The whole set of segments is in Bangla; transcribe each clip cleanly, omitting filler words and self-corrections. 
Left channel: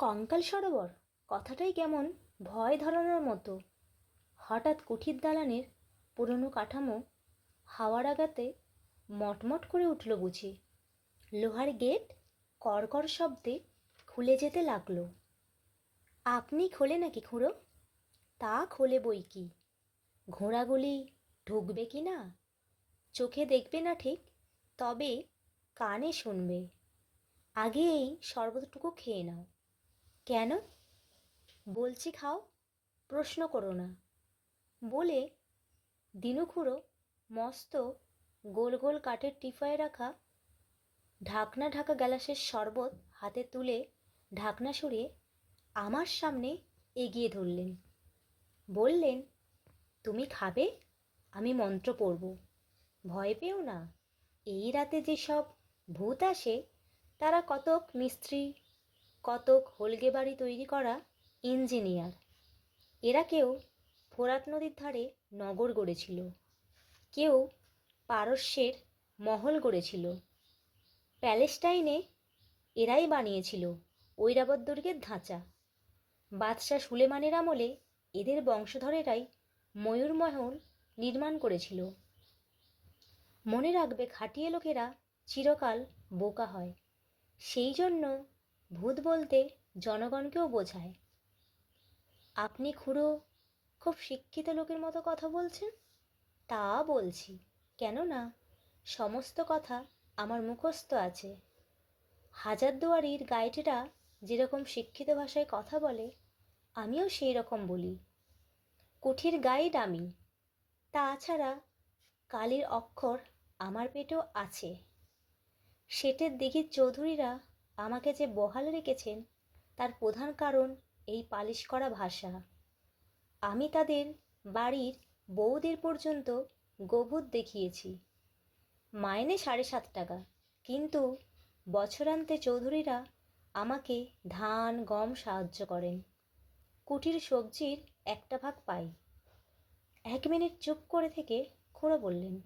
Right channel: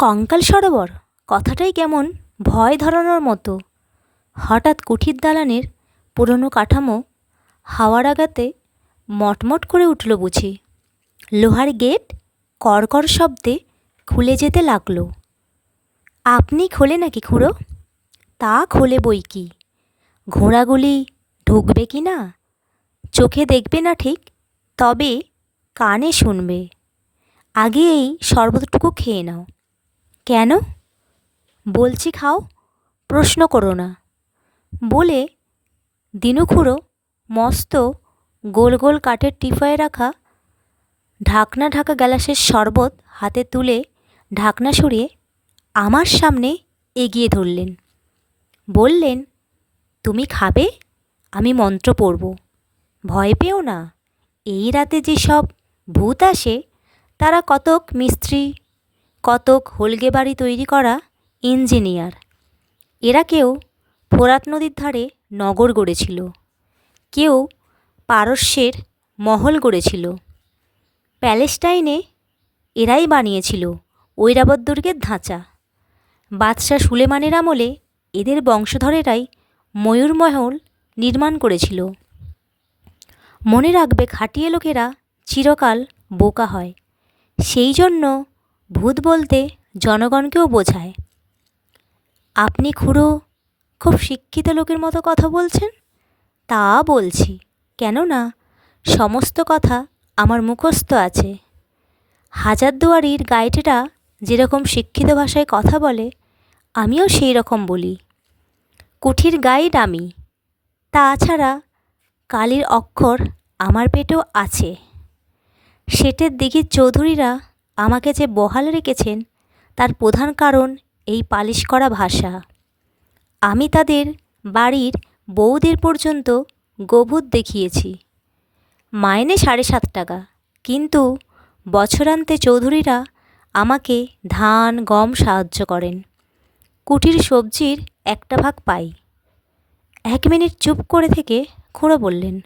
কঙ্কাল সরোবর কথাটাই কেমন ভয় ধরানোর মতো। হঠাৎ কুঠির দালানের পুরনো কাঠামো হাওয়ার আঘাতে মটমট করে উঠল বুঝি। লোহার গেট কড়কড় শব্দে খুলে যেতে লাগলো। আপনি খোলে নাকি খুড়ো? তা খোলে বই কি, ঘোড়াগুলি ঢুকবে কি না চোখে দেখবে না ঠিক, তবে কানে শুনবে। আগে এই শরবতটুকু খেয়ে নাও। কেন? বলছি খাও, প্রশ্ন করো না। বলে দিনু খুড়ো মস্ত গোল গোল কাঠের টিফায়ে রাখা ঢাকনা ঢাকা গ্যালাসের শরবত হাতে তুলে ঢাকনা সরিয়ে আমার সামনে এগিয়ে ধরলেন। বললেন, তুমি খাবে, আমি মন্ত্র পড়ব। ভয় পেও না। এই রাতে যেসব ভূত আসে তারা কতক মিস্ত্রি, কতক হোলগে বাড়ি তৈরি করা ইঞ্জিনিয়ার। এরা কেউ ফোরাত নদীর ধারে নগর গড়েছিল, কেউ পারস্যের মহল গড়েছিল। প্যালেস্টাইনে এরাই বানিয়েছিল ঐরাবত দুর্গের ধাঁচা। বাদশাহ সুলেমানের আমলে এদের বংশধরেরাই ময়ূরমহল নির্মাণ করেছিল। মনে রাখবে, খাটিয়ে লোকেরা চিরকাল বোকা হয়, সেই জন্য ভূত বলতে জনগণকেও বোঝায়। আপনি খুড়ো খুব শিক্ষিত লোকের মতো কথা বলছেন। তা বলছি, কেননা সমস্ত কথা আমার মুখস্থ আছে। হাজারদুয়ারির গাইডেরা যেরকম শিক্ষিত ভাষায় কথা বলে, আমিও সেই রকম বলি। কুঠির গাইড আমি। তাছাড়া কালির অক্ষর আমার পেটেও আছে। শেঠের দিঘির চৌধুরীরা আমাকে যে বহাল রেখেছেন তার প্রধান কারণ এই পালিশ করা ভাষা। আমি তাদের বাড়ির বউদের পর্যন্ত গোভূত দেখিয়েছি। মাইনে 7.5 টাকা, কিন্তু বছরান্তে চৌধুরীরা আমাকে ধান গম সাহায্য করেন। কুটির সবজির 1 ভাগ পাই। 1 মিনিট চুপ করে থেকে খুড়ো বললেন,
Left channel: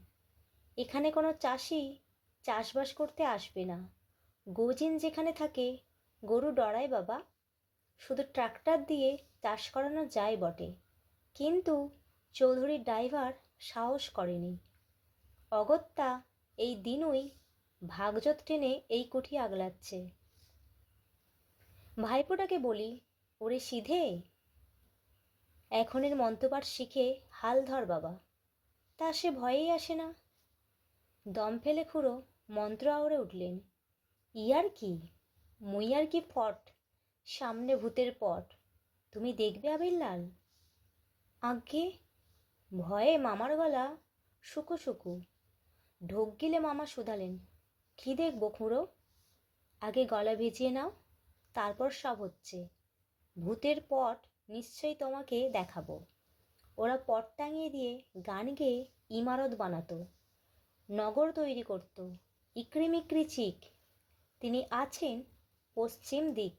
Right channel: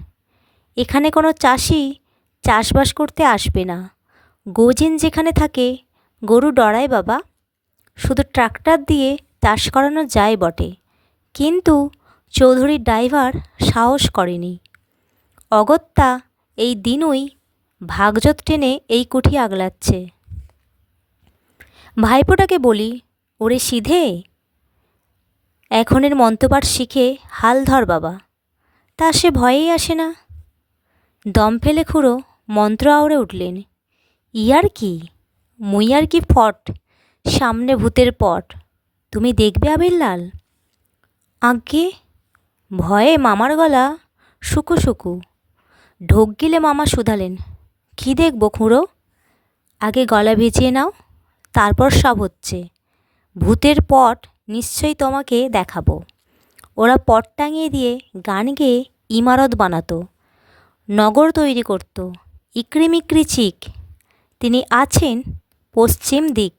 এখানে কোনো চাষি চাষবাস করতে আসবে না। গোজিন যেখানে থাকে গরু ডরায় বাবা। শুধু ট্রাক্টর দিয়ে চাষ করানো যায় বটে, কিন্তু চৌধুরীর ড্রাইভার সাহস করেনি। অগত্যা এই দিনুই ভাগজত টেনে এই কুঠি আগলাচ্ছে। ভাইপোটাকে বলি, ওরে সিধে, এখনের মন্ত্রপাঠ শিখে হাল ধর বাবা। তা সে ভয়েই আসে না। দম ফেলে খুড়ো মন্ত্র আওড়ে উঠলেন, ইয়ার কি, মুই আর কি ফট, সামনে ভূতের পট, তুমি দেখবে আবিরলাল। আজ্ঞে। ভয়ে মামার গলা শুকু শুকু। ঢোক গিলে মামা শুধালেন, কী দেখব খুড়ো? আগে গলা ভিজিয়ে নাও, তারপর সব হচ্ছে। ভূতের পট নিশ্চয়ই তোমাকে দেখাবো। ওরা পট টাঙিয়ে দিয়ে গান গেয়ে ইমারত বানাতো, নগর তৈরি করত। ইকড়িমিকড়ি চিক, তিনি আছেন পশ্চিম দিক।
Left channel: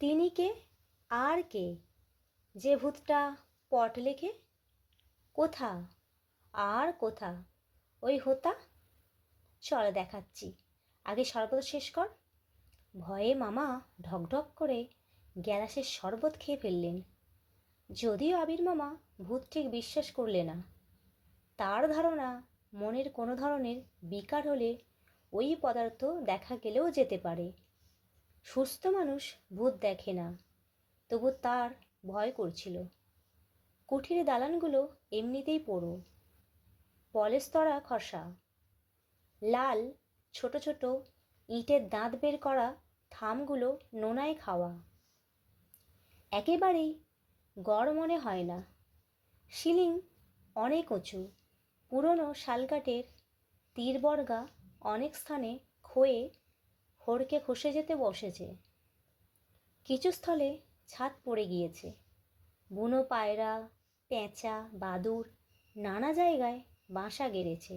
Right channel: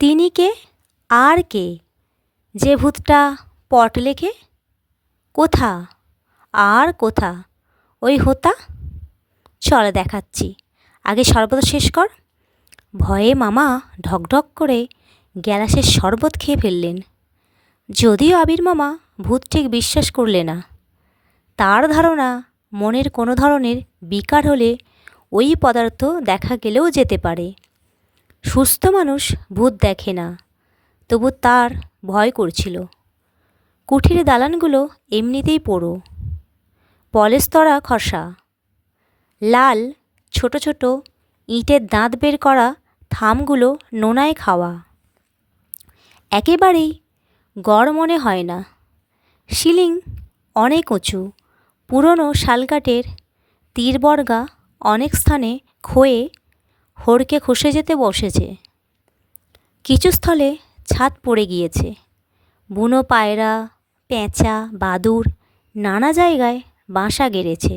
তিনি কে? আর কে? যে ভূতটা পট লেখে। কোথা? আর কোথা? ওই হোতা। চল দেখাচ্ছি, আগে শরবত শেষ কর। ভয়ে মামা ঢকঢক করে গ্যালাসের শরবত খেয়ে ফেললেন। যদিও আবির মামা ভূত ঠিক বিশ্বাস করলে না। তার ধারণা, মনের কোনো ধরনের বিকার হলে ওই পদার্থ দেখা গেলেও যেতে পারে। সুস্থ মানুষ ভূত দেখে না, তবু তার ভয় করছিল। কুঠির দালানগুলো এমনিতেই পোড়ো, পলেস্তরা খসা, লাল ছোট ছোট ইটের দাঁত বের করা থামগুলো নোনায় খাওয়া। একেবারেই গড় মনে হয় না। সিলিং অনেক উঁচু, পুরনো শালকাঠের তীরবর্গা অনেক স্থানে ক্ষয়ে হড়কে খসে যেতে বসেছে। কিছু স্থলে ছাদ পড়ে গিয়েছে। বুনো পায়রা, পেঁচা, বাদুড় নানা জায়গায় বাসা গেড়েছে।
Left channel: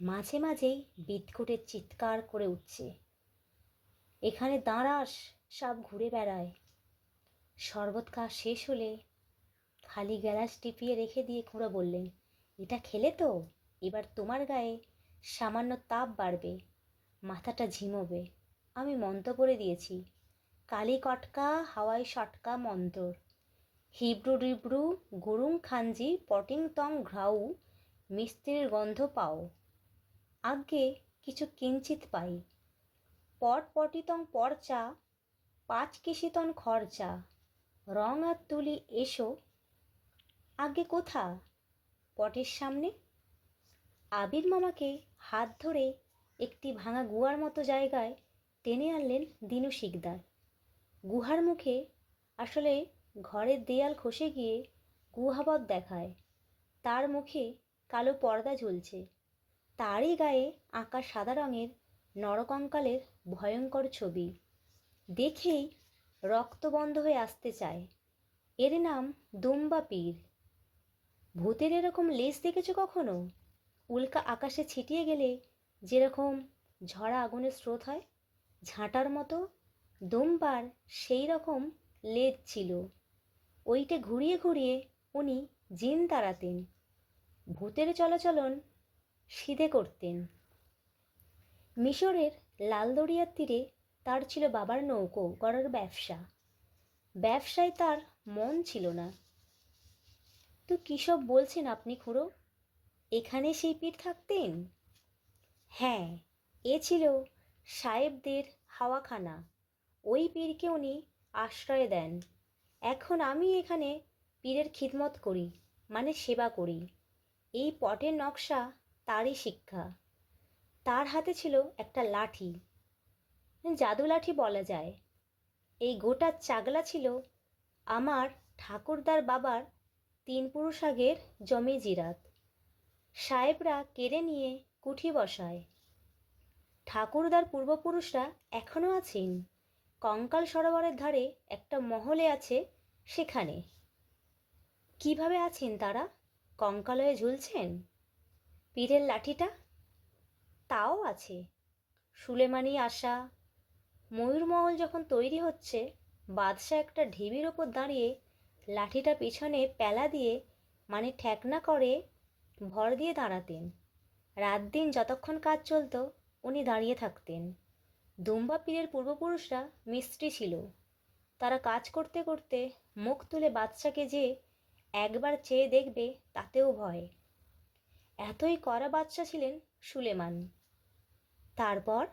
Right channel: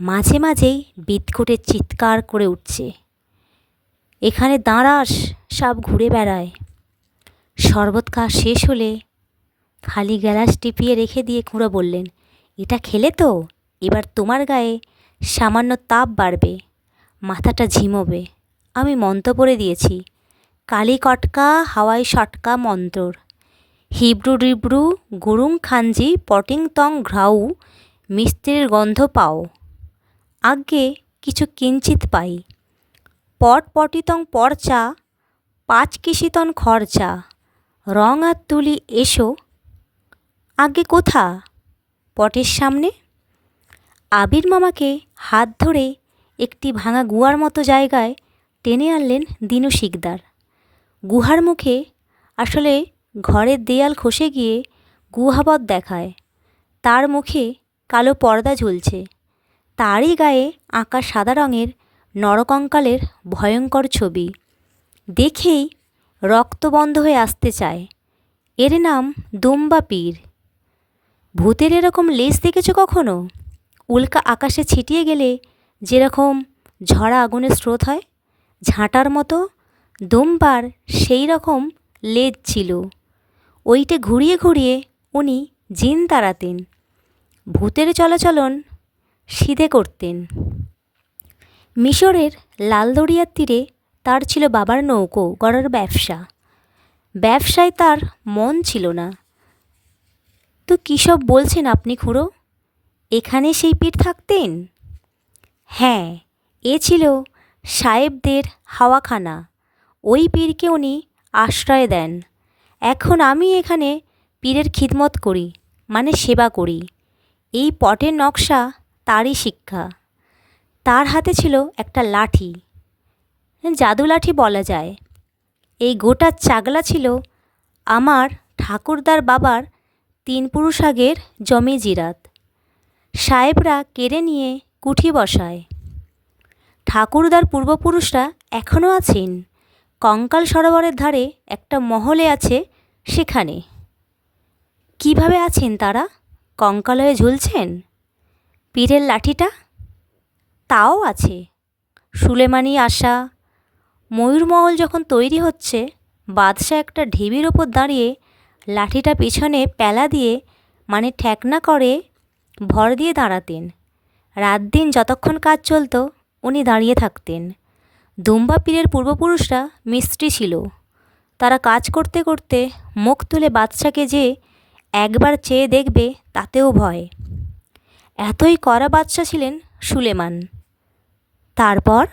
মাঝে মাঝেই বিদঘুটে চিৎকার করে উঠছে, এখানে দাঁড়াস, সব ঘুরে বেড়ায়। শরবত খাওয়া শেষ হলে খালি গ্যালাস টিপিয়ে রেখে দিয়ে খুড়ো বললেন, এটা খেলে তো এবার তোমার গায়ে সামান্য তাপ বাড়বে, মাথাটা ঝিমোবে। আমি মন্ত্র পড়ে দিয়েছি, কালি কটকা হাওয়াই সটকা মন্তর, হিব্রু ডিব্রু গুরুং খাঞ্জি পটিং তং ঘ্রাউ, মিস্ত্রির গন্ধ পাও, আজ্ঞে কিছু কিঞ্চিত পাই, পট পটিতং পরচা, পাঁচ কিসিতন খরচা, রং আর তুলি এসো, আজ্ঞে কোথা, পটের সামনে। আবির মামাকে হাত ধরে একটি ভাঙা গুহার মতো জায়গায় টেনে আনলেন দিনু শিকদার। গুহার মুখে আসলে ঘরের দেয়াল খসে গিয়ে গুহাবৎ দেখায়। তার মুখে কালো পর্দা ঝুলছে, তারই গায়ে আঁকা সাদা রঙের নরকঙ্কালের ভয়ঙ্কর ছবি। দেখেই রক্ত বন্ধ হয়ে আসতে চায়। এর নাম দুম্বা পীর। ভূতের এরকম লেজ দেখেছো কখনো? উল্কা আকাশে ছিটিয়ে গেলে যেরকম ঝরা আগুনের স্রোত হয়, ঝাঁটার মতো দুম্বার সেই রকম লেজ ছিল। ওইটে ঘুরিয়ে ঘুরিয়ে উনি জিন তাড়াতেন, ভূতের চলাচলন সিধে করতেন। মিশরের লাল দরিয়ার তীরে তার ছিল বাবার নৌকো গড়ার ব্যবসা। ব্যবসায় তার মন ছিল না। তো কী সব বলছেন আপনি খুড়ো? এখানে সেই পীর থাকতেন? হ্যাঁ, এ ছিল সাহেবদের হাওয়াখানা। ওই পীরকে উনি আশ্রয় দেন। এখন আমি এখানে পীরের খিদমত করি, মানে সেবা করি। এই পটের নকশা তারই শিক্ষা। তার হাতে ছিল একটা লাঠি, জাদু লাঠি বলা যায়। এই গোটা চাগলা ছিল আমার ঠাকুরদার বাবার 3 পুরুষ আগের জমি জিরাত। সাহেবরা কেড়ে নিয়ে কুঠি বসায়। ঠাকুরদার পূর্বপুরুষরা এখনও আছেন। কঙ্কাল সরোবরের ধারে একটা মহলে আছে, সেখানে। কিভাবে আছেন তারা? কঙ্কাল হয়ে ঝুলছেন? পীরের লাঠিটা? তাও আছে। সুলেমানি আশা। ময়ূরমহল যখন তৈরি হচ্ছে, বাদশাহ একটা ঢিবির ওপর দাঁড়িয়ে লাঠিটা পিছনে প্যালা দিয়ে, মানে ঠেকনা করে ভর দিয়ে দাঁড়াতেন। রাত দিন যতক্ষণ কাজ চলত উনি দাঁড়িয়ে থাকতেন। দুম্বা পীরের পূর্বপুরুষরা মিস্ত্রি ছিল। তারা কাজ করতে করতে মুখ তুলে বাদশাকে যে একবার চেয়ে দেখবে তাতেও ভয়। এতই কড়া বাদশা ছিলেন সুলেমান। তারপর